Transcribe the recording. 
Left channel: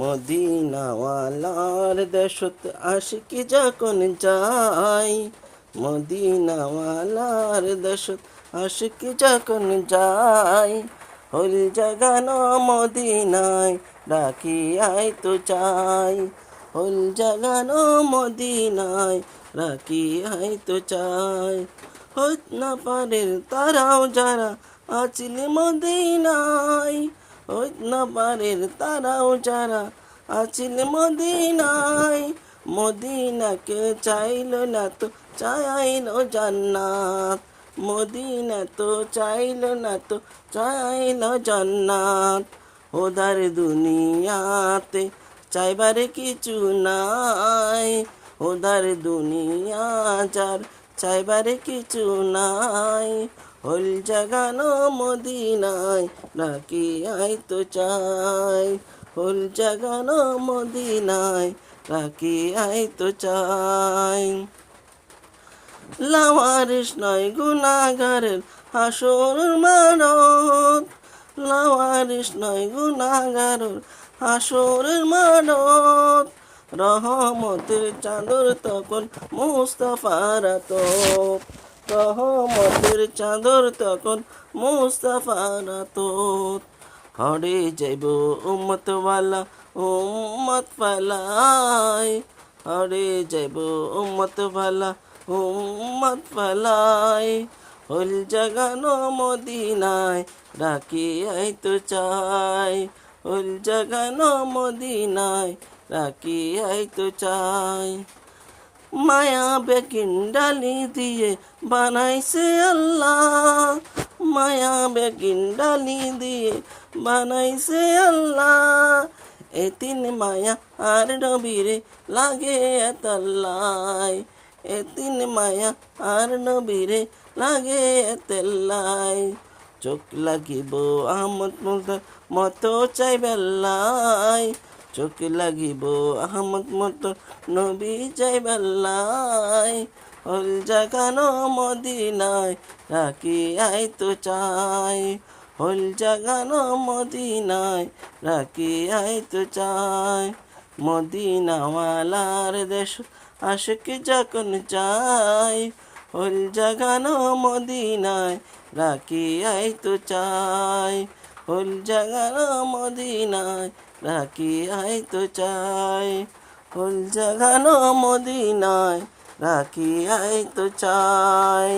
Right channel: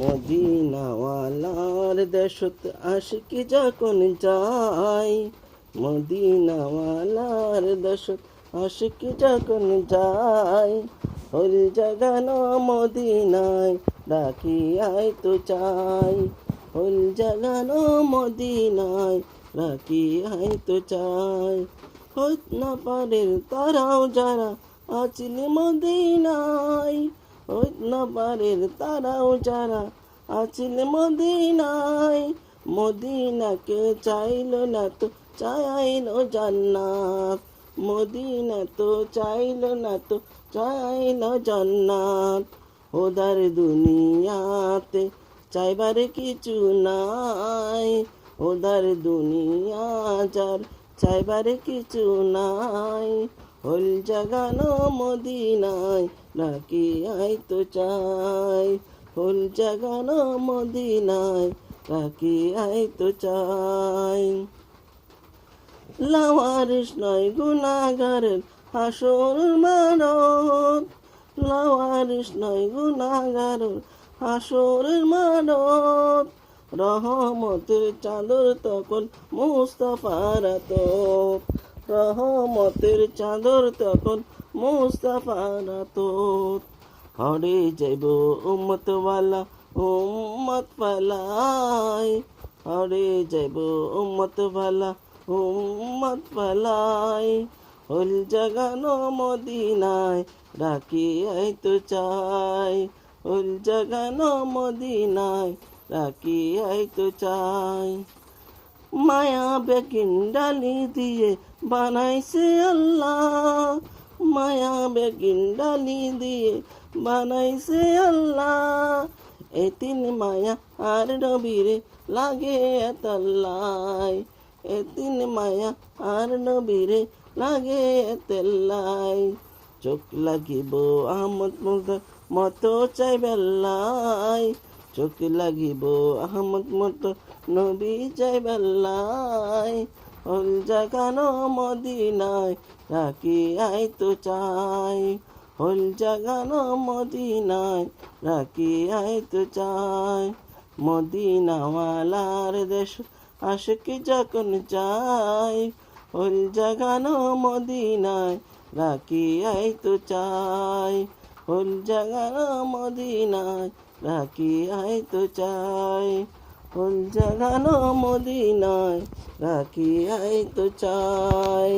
মদিনাওয়ালার দেশত আশিকি যখন যাই, মদিনাওয়ালার দেশত আশিকি যখন যাই, হল জাগানো মদিনায় ডাকি আই তো চাই, হল জাগানো মদিনায় রাখি আই তো চাই। হইত না পারের তারাও যারা আছিল মদিনায়, হইত না পারের তারাও যারা আছিল মদিনায়, মদিনাকে চাইল না তো চাইল জান্নাত, মদিনা তো চাইল না তো চাইল জান্নাত। ওদার দুনিয়াতে চাইবার কিছু নাই, ওদার দুনিয়া যার চাইবার কিছু নাই, হল জাগানো মদিনায় ডাকি আই তো চাই, হল জাগানো মদিনায় ডাকি আই তো চাই। লাওয়ারিস নয় গুনাহগারের হাসর মানত, লাওয়ারিস নয় গুনাহগারের হাসর মানত, রহমতের চাদর তখন মুস্তাফার আতপ, রহমতের চাদর তখন মুস্তাফার আতপ। হরে যাইব উম্মতওয়ালা উম্মত ফালাই, হরে যাইব উম্মতওয়ালা উম্মত ফালাই, হল জাগানো মদিনায় ডাকি আই তো চাই, হল জাগানো মদিনায় ডাকি আই তো চাই। মায়া বেগিন ডালি দিয়ে বানাইছে আল্লাহ, মায়া বেগিন ডালি দিয়ে বানাইছে আল্লাহ, এতিন মায়া আর নবীরে লাগে এতাল্লাই, এতিন মায়া আর নবীরে লাগে এতাল্লাই। চোখ লাগিব আহমদ মতো চাই বেল্লাই, চোখ লাগিব আহমদ মতো নবী চাই বেল্লাই, হল জাগানো মদিনায় রাখি আই তো চাই, হল জাগানো মদিনায় রাখি আই তো চাই। মদিনাওয়ালার দেশ আশিকি যখন চাই, হল জাগানো মদিনায় রাখি আই তো চাই, হল জাগানো মদিনায় রাখি আই তো চাই, হল জাগানো মদিনায় রাখি আই তো চাই।